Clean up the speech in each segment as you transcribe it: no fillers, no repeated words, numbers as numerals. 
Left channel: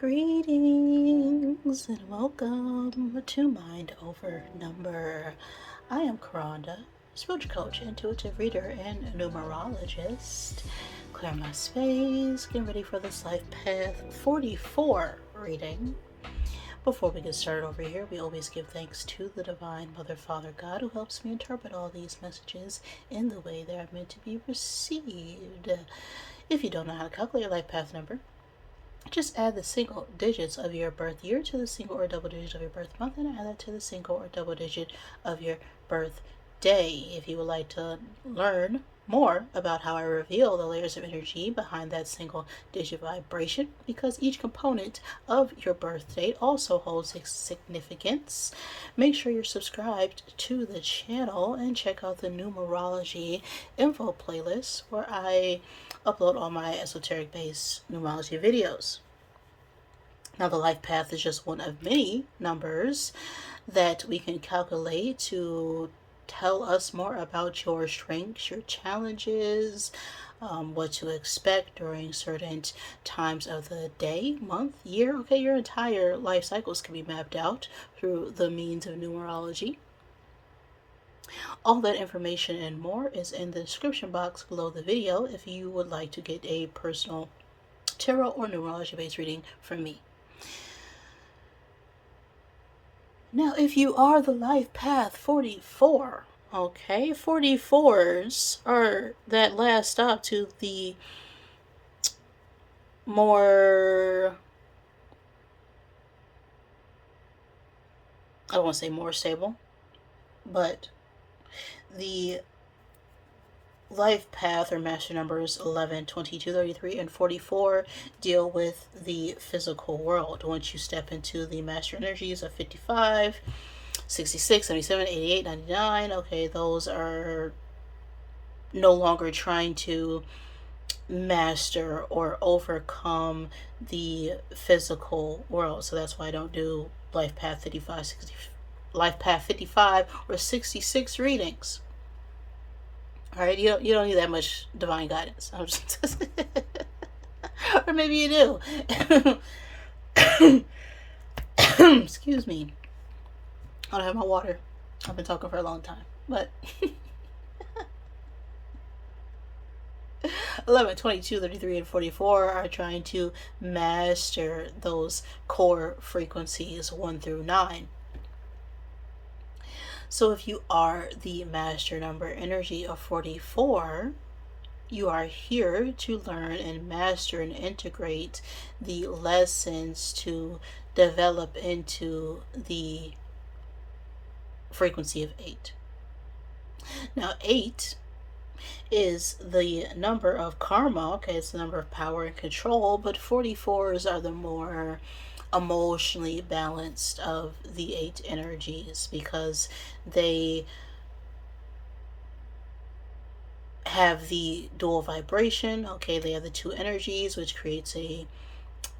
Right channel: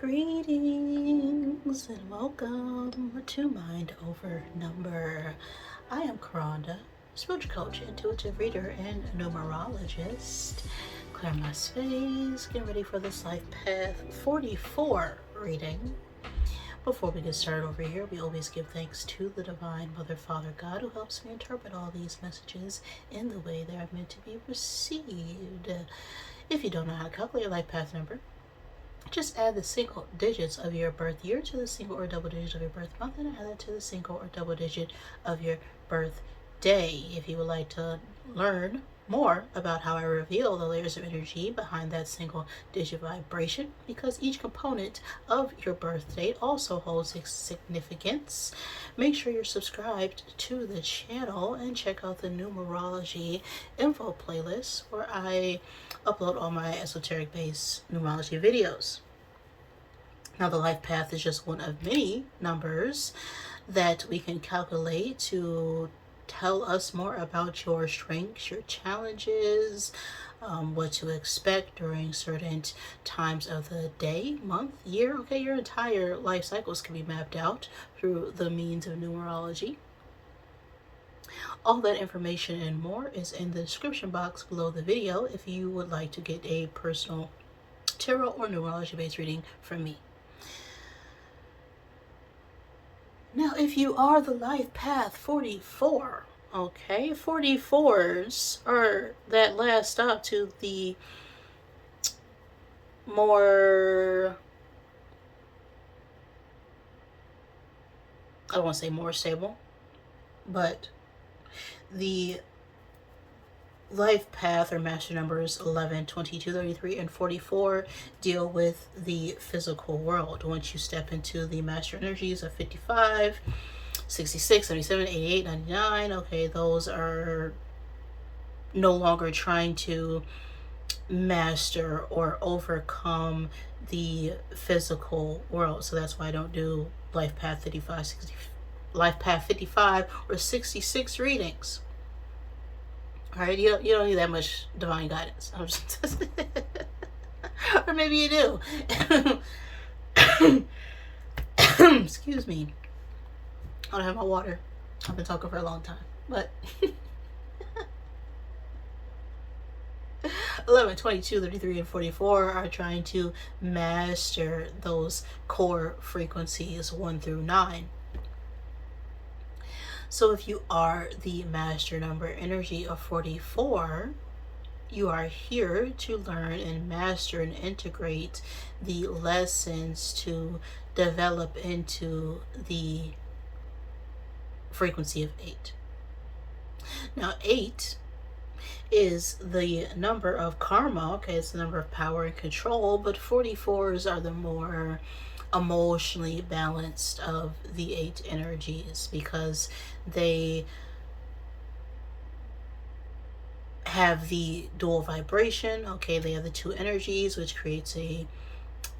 Greetings and welcome to Mind Over Number. I am Karanda, spiritual coach, intuitive reader, and numerologist. Clear my space, get ready for this Life Path 44 reading. Before we get started over here, we always give thanks to the Divine Mother, Father, God, who helps me interpret all these messages in the way they are meant to be received. If you don't know how to calculate your life path number, just add the single digits of your birth year to the single or double digit of your birth month, and add that to the single or double digit of your birth day. If you would like to learn more about how I reveal the layers of energy behind that single digit vibration, because each component of your birth date also holds significance, make sure you're subscribed to the channel and check out the Numerology info playlist where I upload all my esoteric based numerology videos. Now, the life path is just one of many numbers that we can calculate to tell us more about your strengths, your challenges, what to expect during certain times of the day, month, year. Okay, your entire life cycles can be mapped out through the means of numerology. All that information and more is in the description box below the video if you would like to get a personal tarot or numerology based reading from me. Now, if you are the life path 44, okay, 44s are that last stop to the more, I won't say more stable, but the life path or master numbers 11, 22, 33, and 44 deal with the physical world. Once you step into the master energies of 55, 66, 77, 88, 99, okay, those are no longer trying to master or overcome the physical world. So that's why I don't do life path 55, 60, life path 55 or 66 readings. All right, you don't need that much divine guidance. Or maybe you do. Excuse me. I don't have my water. I've been talking for a long time. But 11, 22, 33, and 44 are trying to master those core frequencies 1 through 9. So if you are the master number energy of 44, you are here to learn and master and integrate the lessons to develop into the frequency of 8. Now, 8 is the number of karma, okay, it's the number of power and control, but 44s are the more emotionally balanced of the 8 energies because they have the dual vibration. Okay, they have the 2 energies, which creates a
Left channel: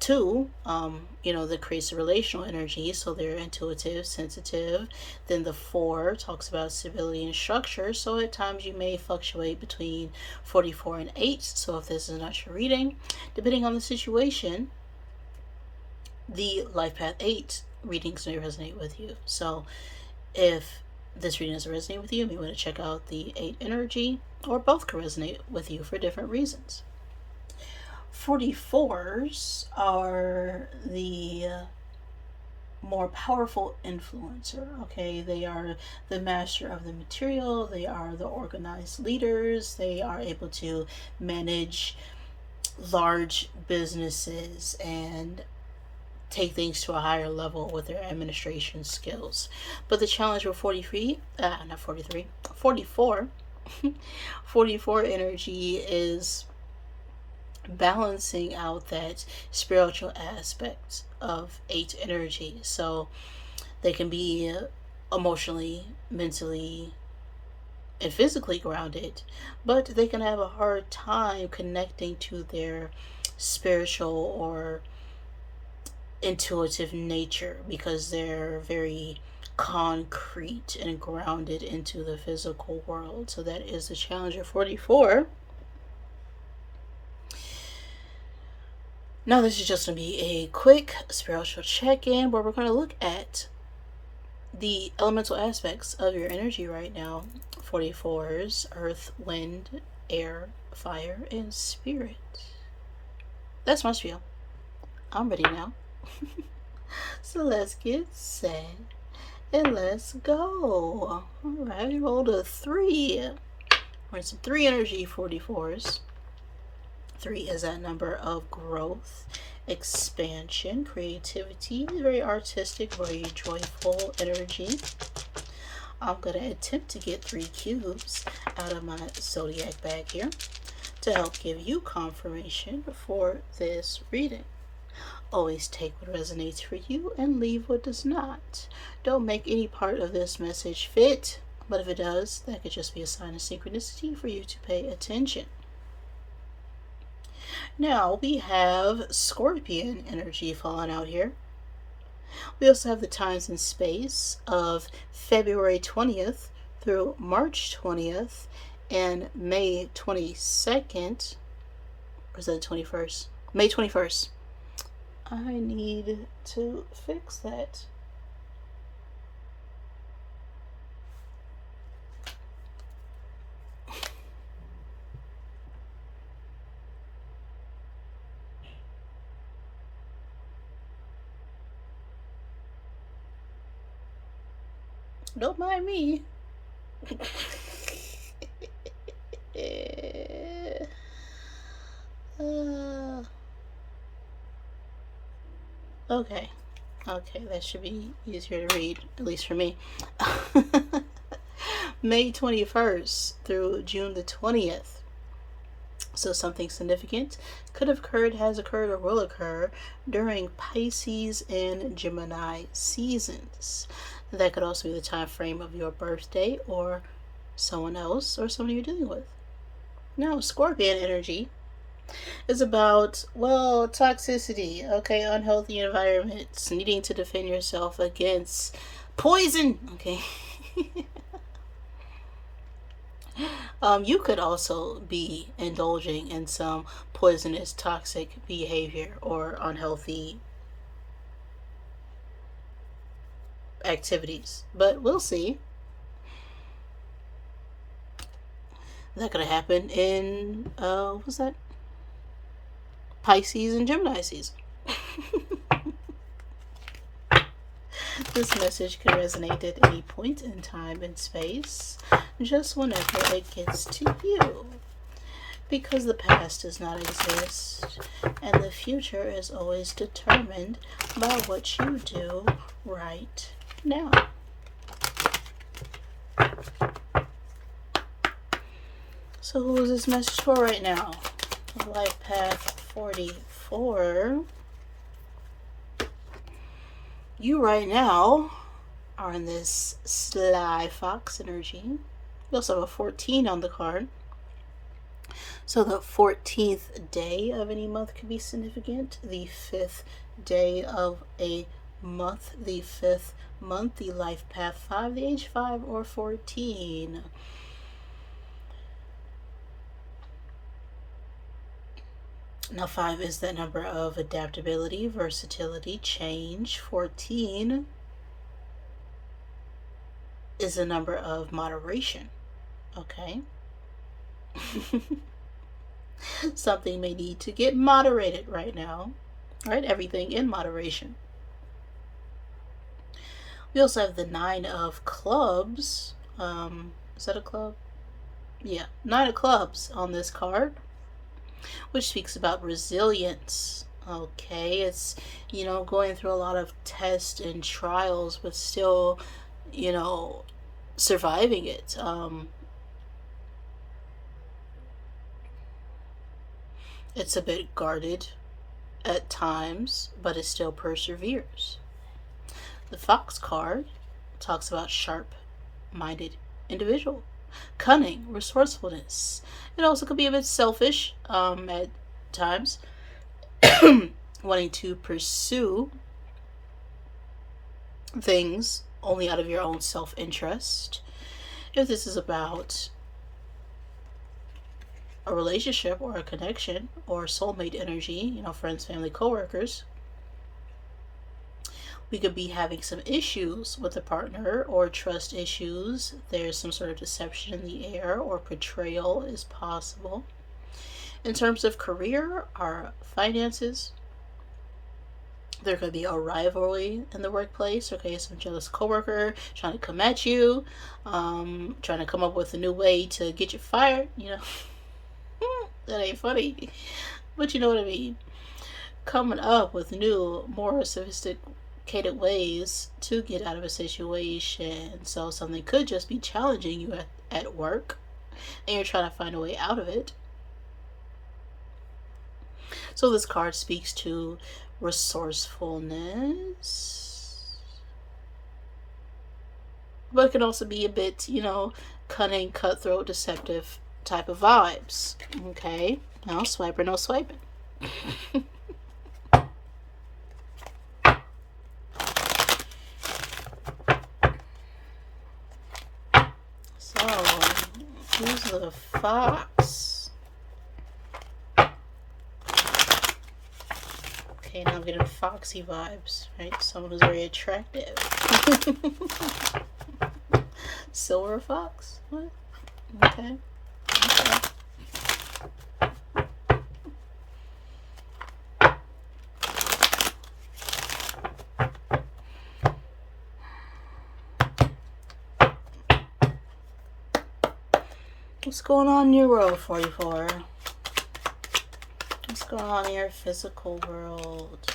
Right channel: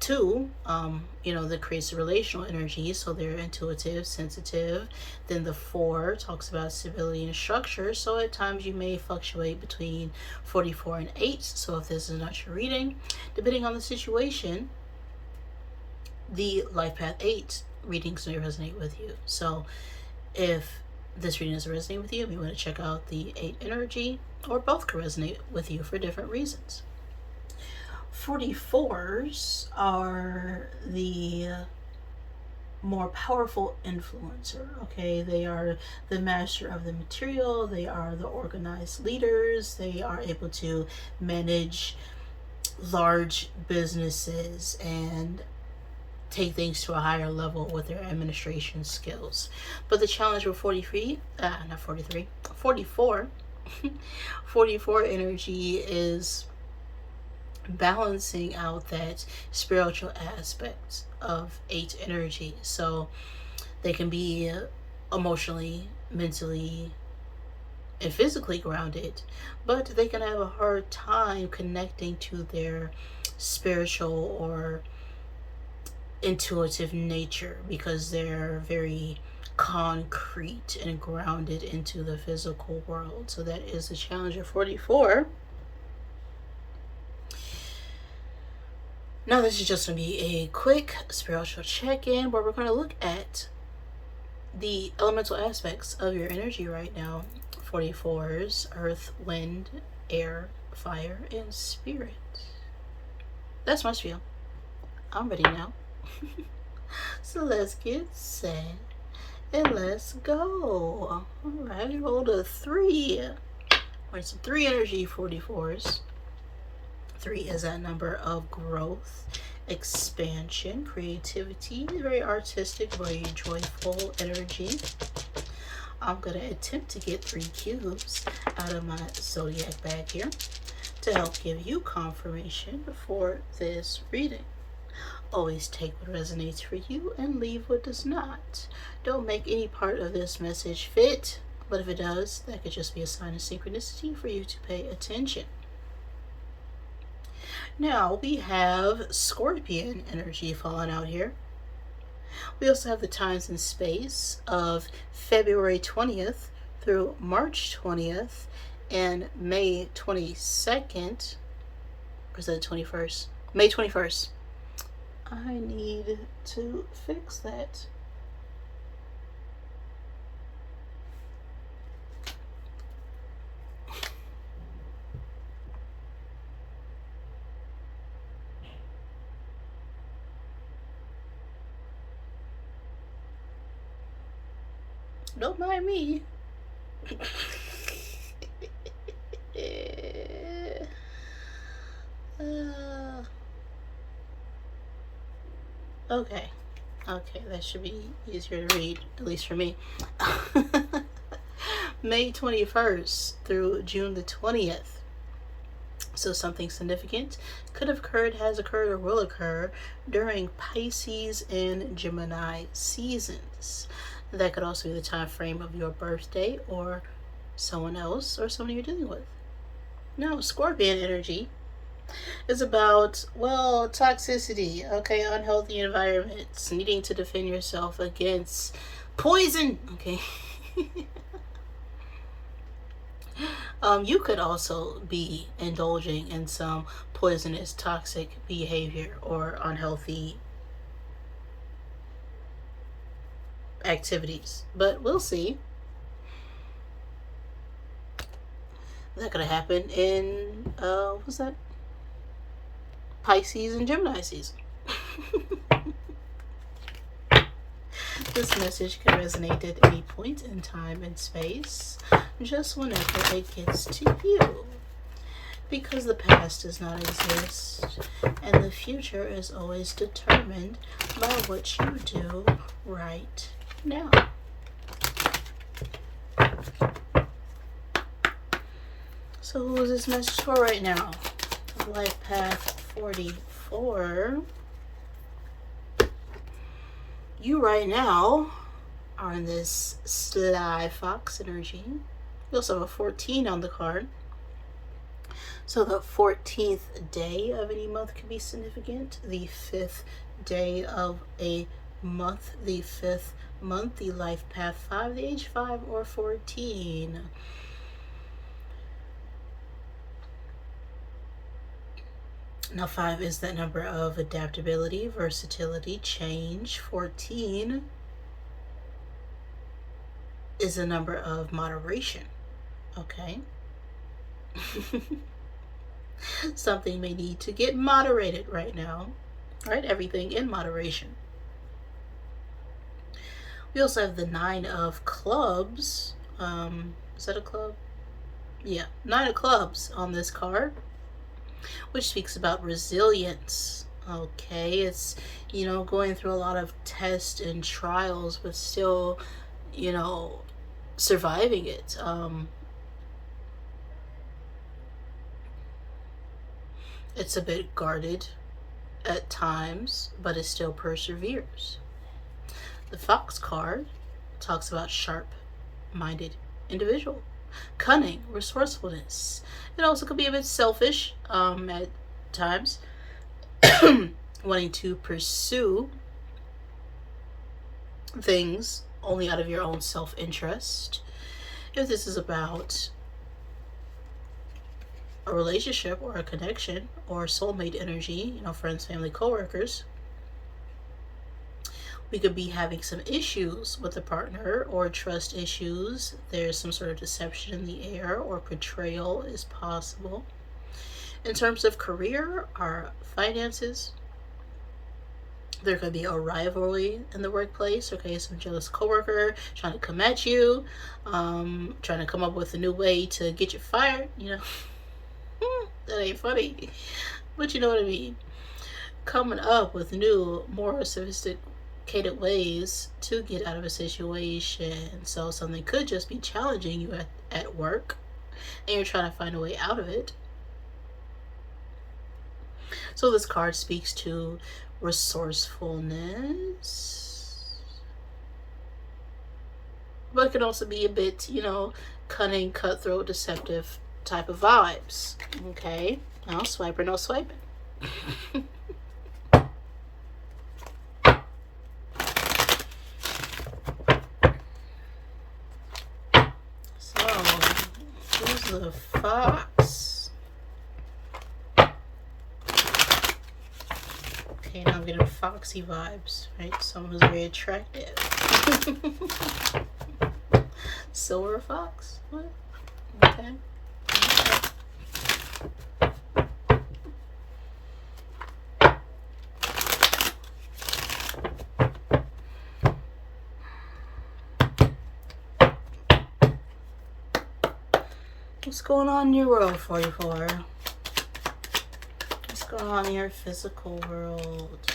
2, that creates a relational energy, so they're intuitive, sensitive. Then the 4 talks about stability and structure, so at times you may fluctuate between 44 and 8. So if this is not your reading, depending on the situation, the life path 8 readings may resonate with you. So if this reading doesn't resonate with you, you want to check out the 8 energy, or both can resonate with you for different reasons. 44s are the more powerful influencer. Okay, they are the master of the material, they are the organized leaders, they are able to manage large businesses and take things to a higher level with their administration skills. But the challenge with 44 44 energy is balancing out that spiritual aspect of 8 energy. So they can be emotionally, mentally, and physically grounded, but they can have a hard time connecting to their spiritual or intuitive nature because they're very concrete and grounded into the physical world. So that is the challenge of 44. Now, this is just going to be a quick spiritual check-in where we're going to look at the elemental aspects of your energy right now. 44s, earth, wind, air, fire, and spirit. That's my spiel. I'm ready now. So let's get set and let's go. Alright, we rolled a 3. We're some 3 energy 44s. 3 is that number of growth, expansion, creativity, very artistic, very joyful energy. I'm going to attempt to get 3 cubes out of my zodiac bag here to help give you confirmation for this reading. Always take what resonates for you and leave what does not. Don't make any part of this message fit, but if it does, that could just be a sign of synchronicity for you to pay attention. Now we have Scorpion energy falling out here. We also have the times and space of February 20th through March 20th and May 22nd. Or is that the 21st? May 21st. I need to fix that. Don't mind me. Okay. Okay, that should be easier to read, at least for me. May 21st through June the 20th. So something significant could have occurred, has occurred, or will occur during Pisces and Gemini seasons. That could also be the time frame of your birthday or someone else or someone you're dealing with. Now, Scorpion energy is about, well, toxicity, okay, unhealthy environments, needing to defend yourself against poison, okay. You could also be indulging in some poisonous, toxic behavior or unhealthy activities, but we'll see. That could happen in what's that? Pisces and Gemini season. This message can resonate at any point in time and space, just whenever it gets to you. Because the past does not exist, and the future is always determined by what you do right now. So who is this message for right now? Life Path 44. You right now are in this sly fox energy. You also have a 14 on the card. So the 14th day of any month could be significant. The 5th day of a month, the 5th month, the life path 5, the age 5 or 14. Now 5 is that number of adaptability, versatility, change. 14 is a number of moderation. Okay. Something may need to get moderated right now. Right? Everything in moderation. We also have the 9 of clubs. Is that a club? Yeah, 9 of clubs on this card, which speaks about resilience. Okay, it's, going through a lot of tests and trials, but still, surviving it. It's a bit guarded at times, but it still perseveres. The Fox card talks about sharp-minded individual, cunning, resourcefulness. It also could be a bit selfish at times, wanting to pursue things only out of your own self-interest. If this is about a relationship or a connection or soulmate energy, friends, family, coworkers. We could be having some issues with a partner or trust issues. There's some sort of deception in the air or betrayal is possible. In terms of career, our finances, there could be a rivalry in the workplace. Okay, some jealous coworker trying to come at you, trying to come up with a new way to get you fired. That ain't funny, but you know what I mean. Coming up with new, more sophisticated ways to get out of a situation. So something could just be challenging you at work, and you're trying to find a way out of it. So this card speaks to resourcefulness, but it can also be a bit, cunning, cutthroat, deceptive type of vibes. Okay, no swiper, no swiping. So, who's the fox? Okay, now I'm getting foxy vibes, right? Someone who's very attractive. Silver fox? What? Okay. What's going on in your world, 44? What's going on in your physical world?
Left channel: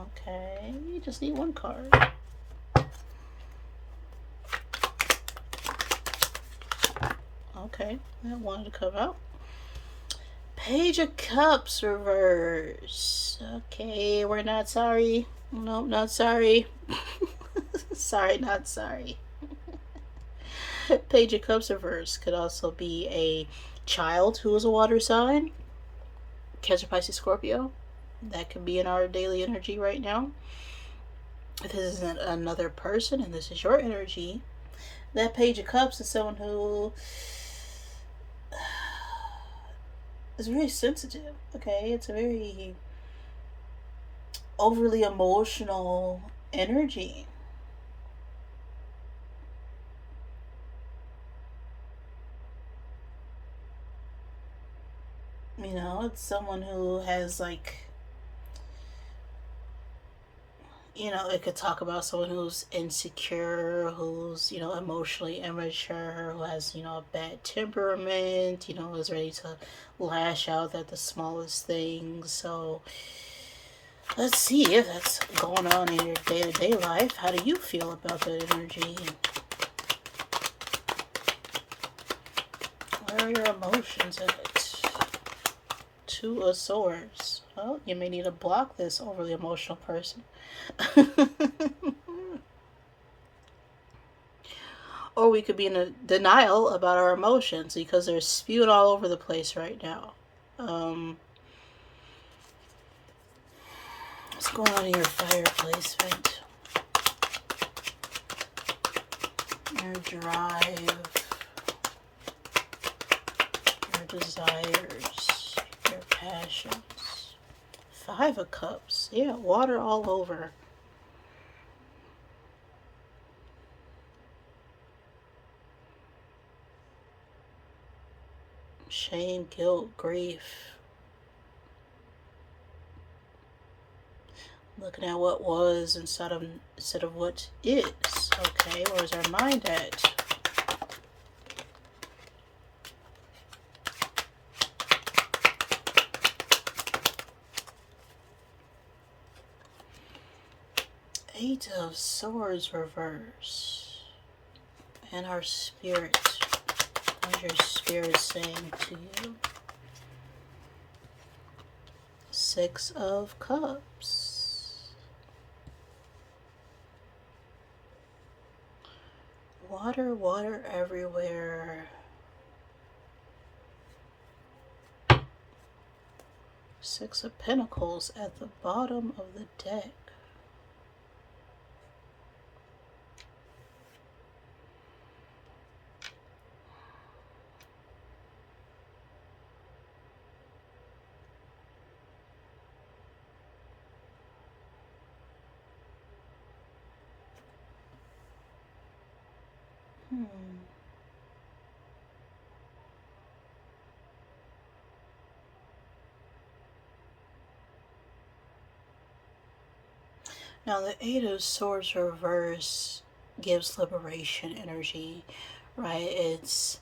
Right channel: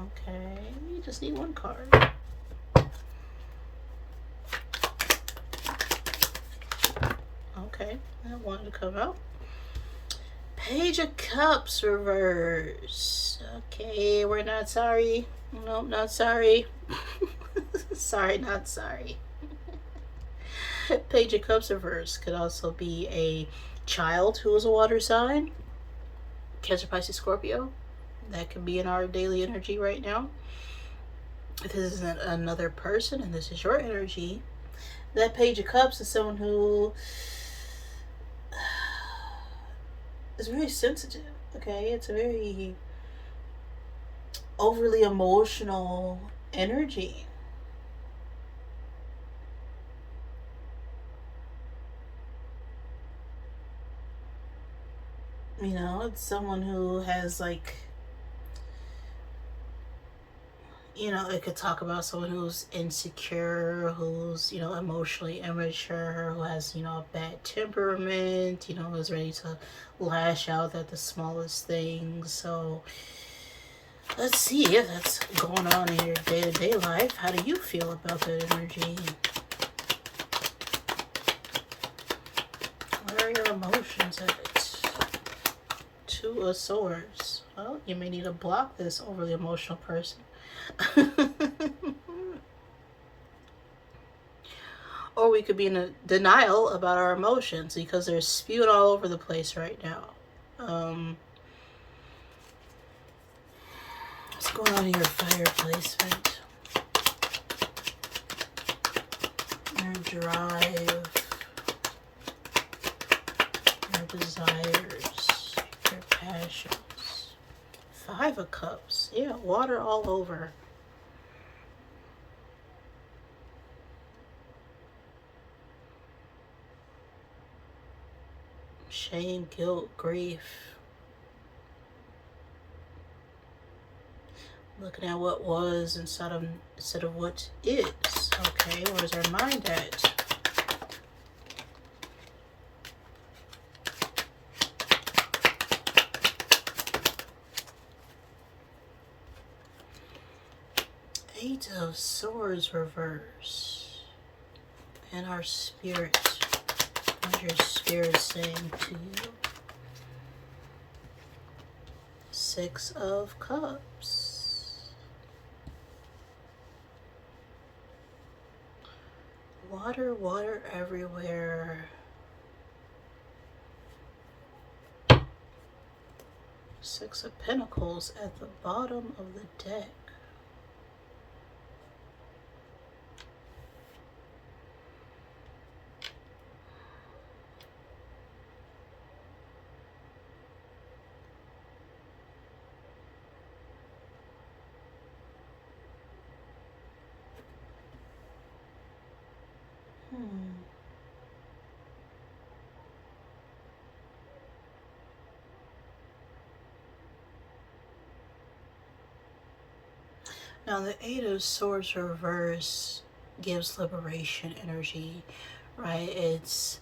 Okay, you just need one card. Okay, that wanted to come out. Page of Cups reverse. Okay, we're not sorry. No, not sorry. Sorry, not sorry. Page of Cups reverse could also be a child who is a water sign. Cancer, Pisces, Scorpio. That could be in our daily energy right now. If this isn't another person and this is your energy, that Page of Cups is someone who is very sensitive. Okay, it's a very overly emotional energy. It's someone who has it could talk about someone who's insecure, who's, emotionally immature, who has, a bad temperament, who's ready to lash out at the smallest things. So let's see if that's going on in your day-to-day life. How do you feel about that energy? What are your emotions at? Two of Swords. Well, you may need to block this overly emotional person. Or we could be in a denial about our emotions because they're spewed all over the place right now. What's going on in your fire placement? Your drive, your desires, your passions. Five of Cups. Yeah, water all over. Shame, guilt, grief. Looking at what was instead of what is. Okay, where's our mind at? Eight of Swords reverse. And our spirit. What is your spirit saying to you? Six of Cups. Water, water everywhere. Six of Pentacles at the bottom of the deck. Now, the Eight of Swords reverse gives liberation energy, right? It's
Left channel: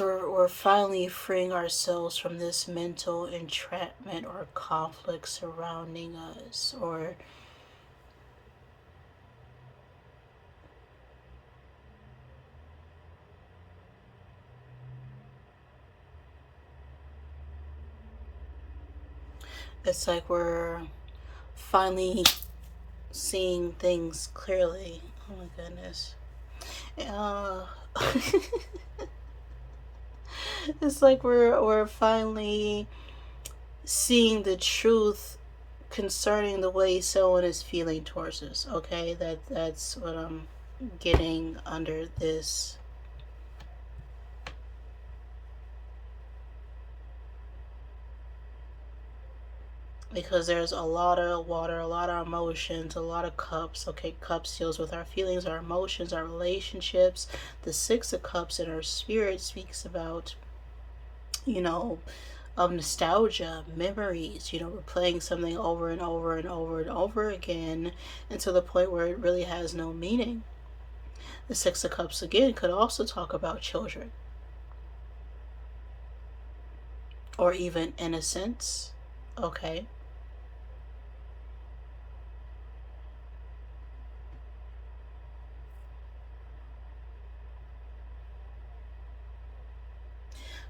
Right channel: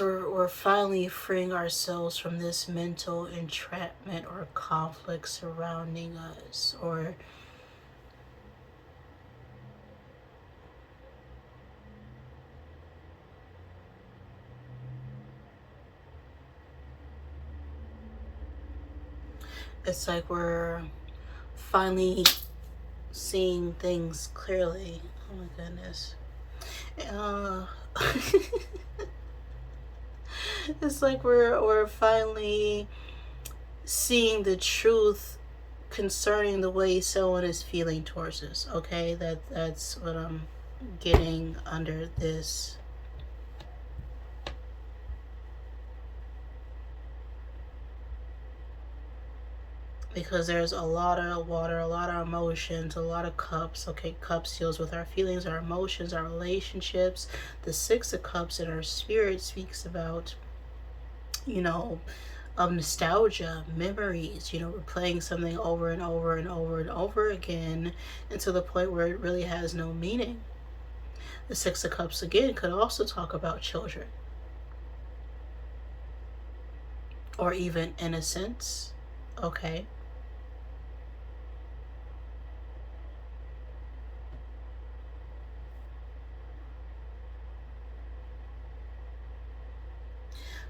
we're finally freeing ourselves from this mental entrapment or conflict surrounding us, or it's like we're finally seeing things clearly. Oh my goodness. It's like we're finally seeing the truth concerning the way someone is feeling towards us. Okay, that's what I'm getting under this. Because there's a lot of water, a lot of emotions, a lot of cups. Okay, cups deals with our feelings, our emotions, our relationships. The Six of Cups in our spirit speaks about, you know, of nostalgia, memories. We're playing something over and over and over and over again, and to the point where it really has no meaning. The Six of Cups again could also talk about children, or even innocence. Okay.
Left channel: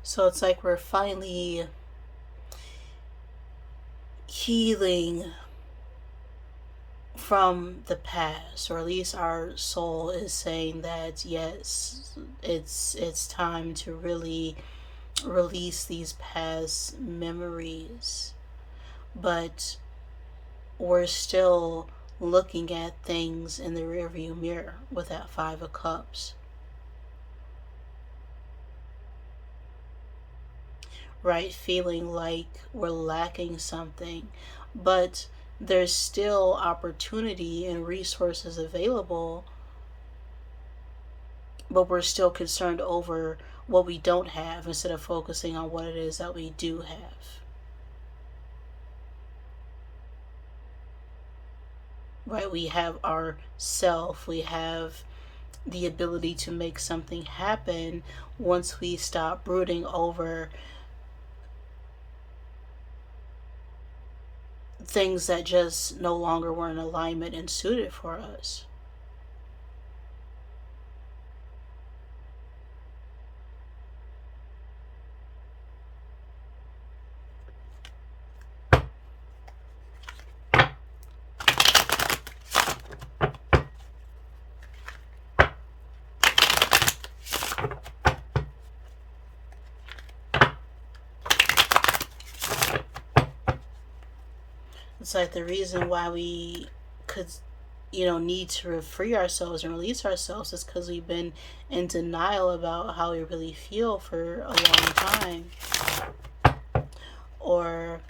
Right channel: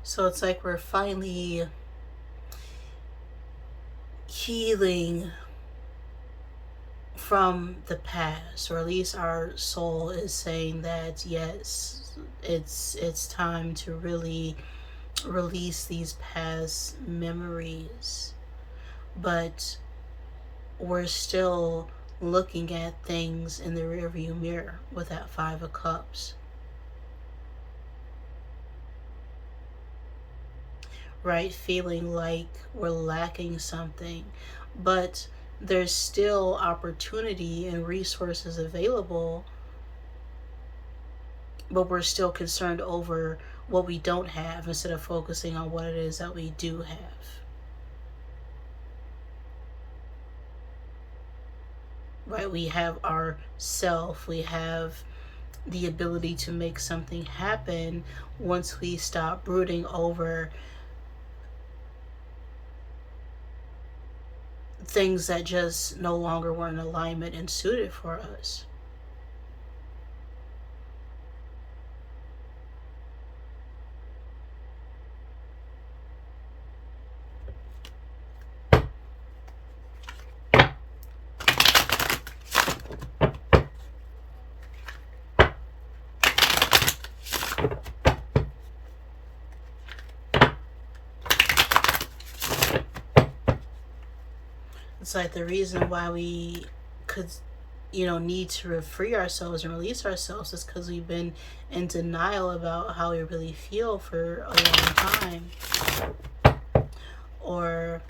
So it's like we're finally healing from the past, or at least our soul is saying that yes, it's time to really release these past memories. But we're still looking at things in the rearview mirror with that Five of Cups, right? Feeling like we're lacking something, but there's still opportunity and resources available, but we're still concerned over what we don't have instead of focusing on what it is that we do have. Right? We have our self, we have the ability to make something happen once we stop brooding over things that just no longer were in alignment and suited for us. It's like the reason why we could, need to free ourselves and release ourselves is because we've been in denial about how we really feel for a long time. Or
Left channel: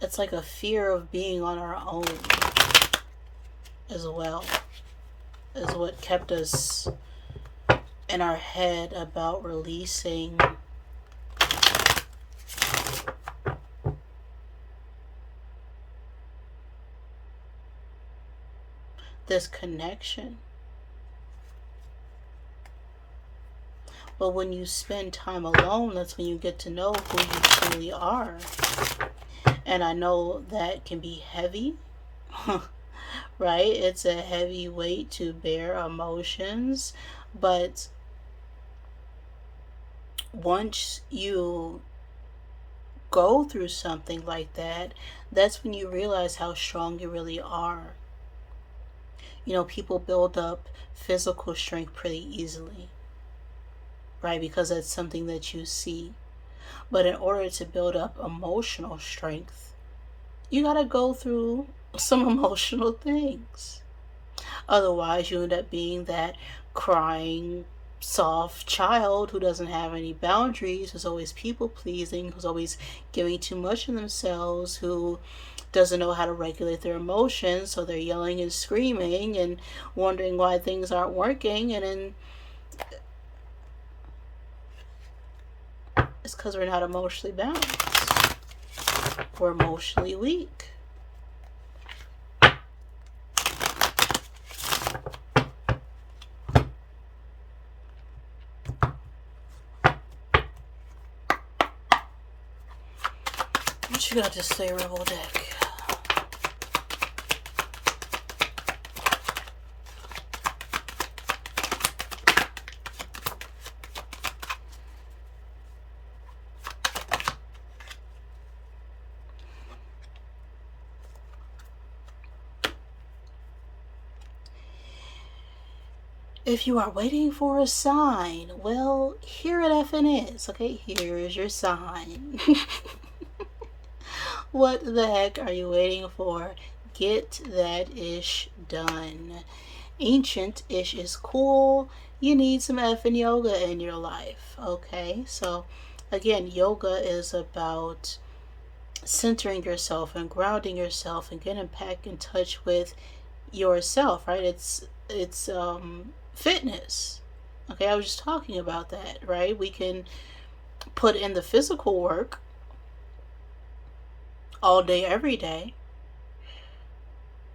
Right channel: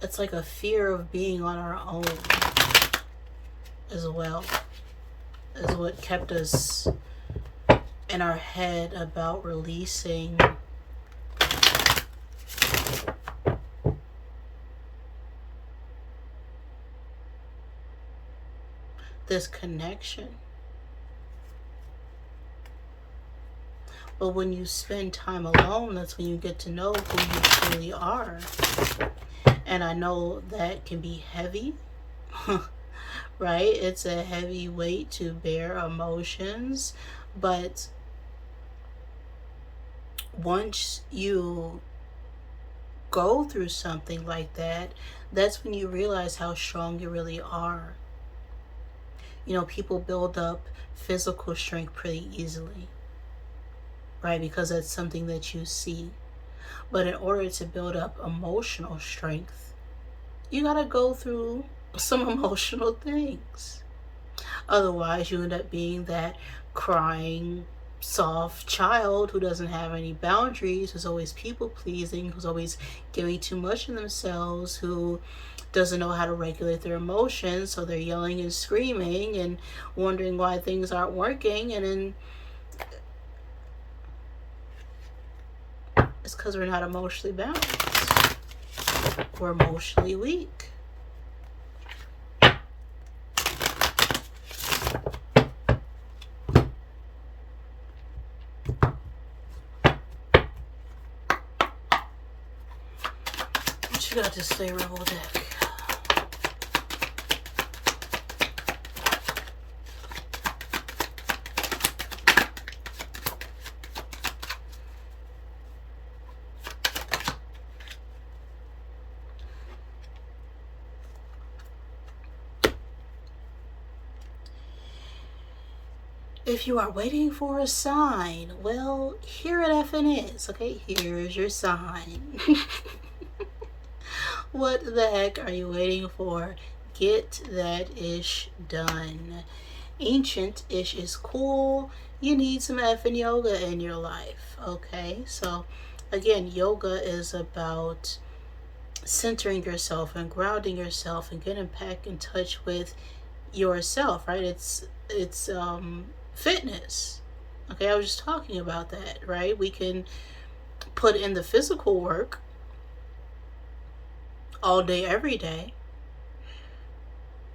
it's like a fear of being on our own as well, is what kept us in our head about releasing this connection. But when you spend time alone, that's when you get to know who you truly are. And I know that can be heavy, right? It's a heavy weight to bear, emotions. But once you go through something like that, that's when you realize how strong you really are. People build up physical strength pretty easily, right? Because that's something that you see. But in order to build up emotional strength, you gotta go through some emotional things. Otherwise, you end up being that crying soft child who doesn't have any boundaries, who's always people pleasing, who's always giving too much of themselves, who doesn't know how to regulate their emotions, so they're yelling and screaming and wondering why things aren't working, and then it's because we're not emotionally balanced. We're emotionally weak. What you got to say, Rebel Deck? If you are waiting for a sign, well, here it effing is. Okay, here's your sign. What the heck are you waiting for? Get that ish done. Ancient ish is cool. You need some effing yoga in your life. Okay, so again, yoga is about centering yourself and grounding yourself and getting back in touch with yourself, right? It's fitness. Okay, I was just talking about that, right? We can put in the physical work all day, every day,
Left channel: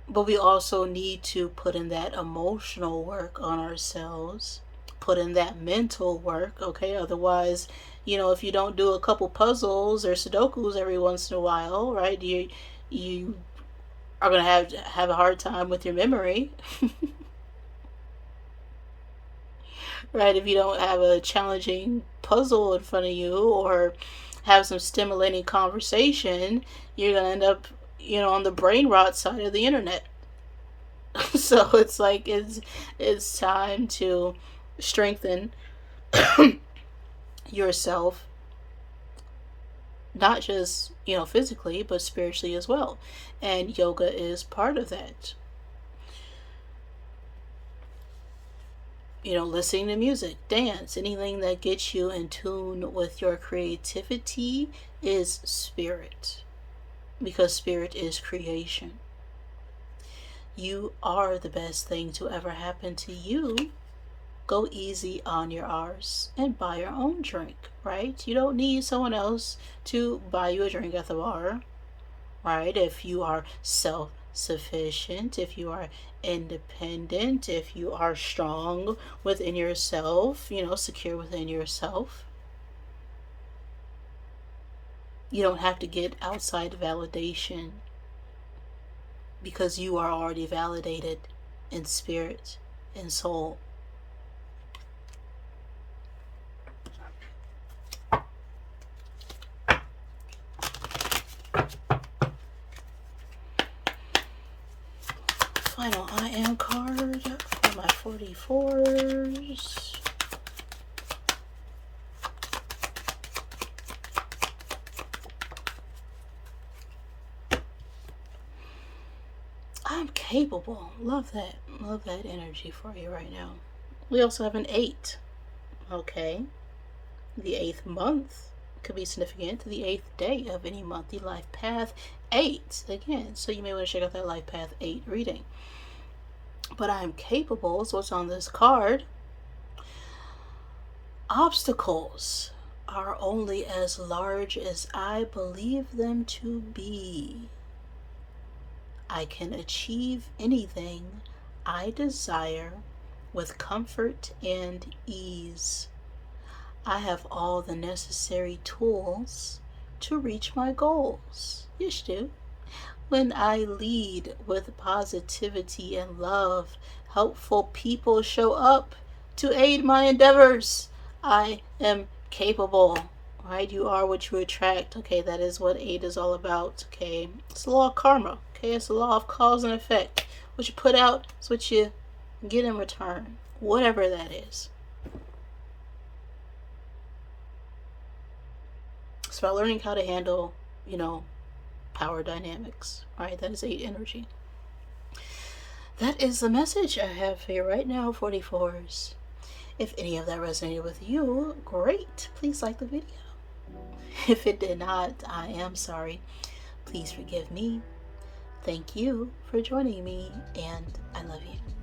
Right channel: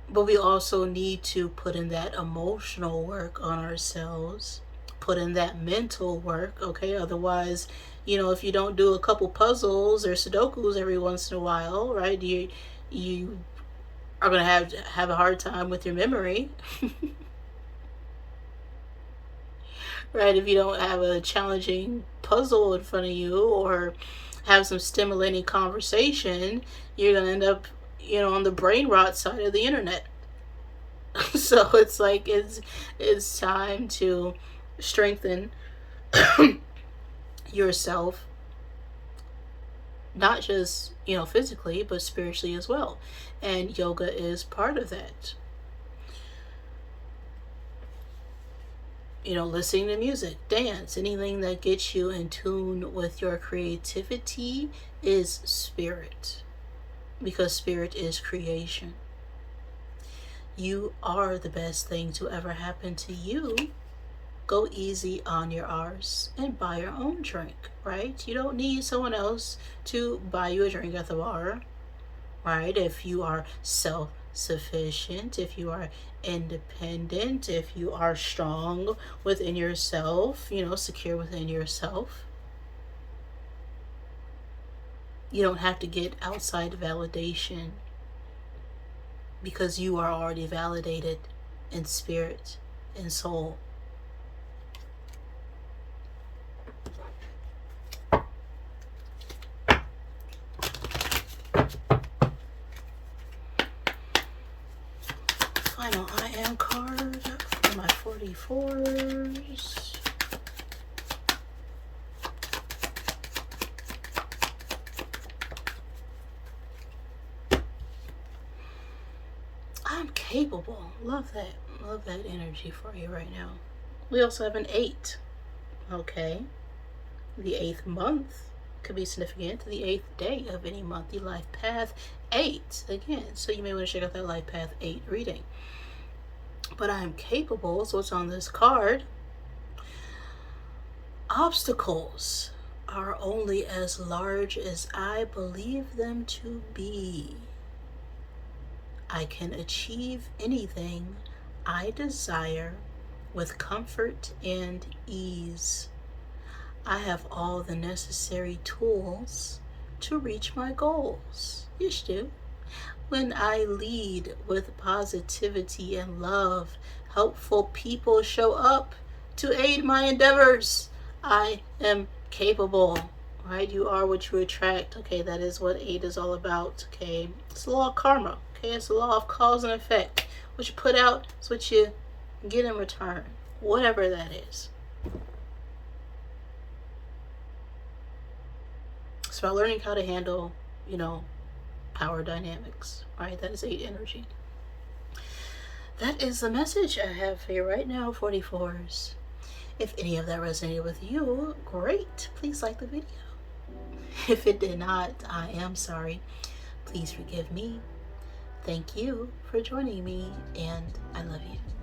but we also need to put in that emotional work on ourselves, put in that mental work, okay? Otherwise, if you don't do a couple puzzles or Sudokus every once in a while, right, you are going to have a hard time with your memory. Right? If you don't have a challenging puzzle in front of you or have some stimulating conversation, you're going to end up, on the brain rot side of the internet. So it's like it's time to strengthen yourself, not just, physically, but spiritually as well. And yoga is part of that. Listening to music, dance, anything that gets you in tune with your creativity is spirit. Because spirit is creation. You are the best thing to ever happen to you. Go easy on your arse and buy your own drink, right? You don't need someone else to buy you a drink at the bar, right? If you are self-sufficient, if you are independent, if you are strong within yourself, secure within yourself, you don't have to get outside validation because you are already validated in spirit and soul. Final I am card for my 44s. I'm capable. Love that. Love that energy for you right now. We also have an 8. Okay. The 8th month could be significant. The 8th day of any month. The life path 8. Again, so you may want to check out that life path 8 reading. But I am capable. So what's on this card? Obstacles are only as large as I believe them to be. I can achieve anything I desire with comfort and ease. I have all the necessary tools to reach my goals. Yes, do. When I lead with positivity and love, helpful people show up to aid my endeavors. I am capable. Right? You are what you attract. Okay, that is what 8 is all about. Okay, it's the law of karma. Okay, it's the law of cause and effect. What you put out is what you get in return, whatever that is. It's about learning how to handle, power dynamics, right? That is 8 energy. That is the message I have for you right now, 44s. If any of that resonated with you, great. Please like the video. If it did not, I am sorry. Please forgive me. Thank you for joining me, and I love you.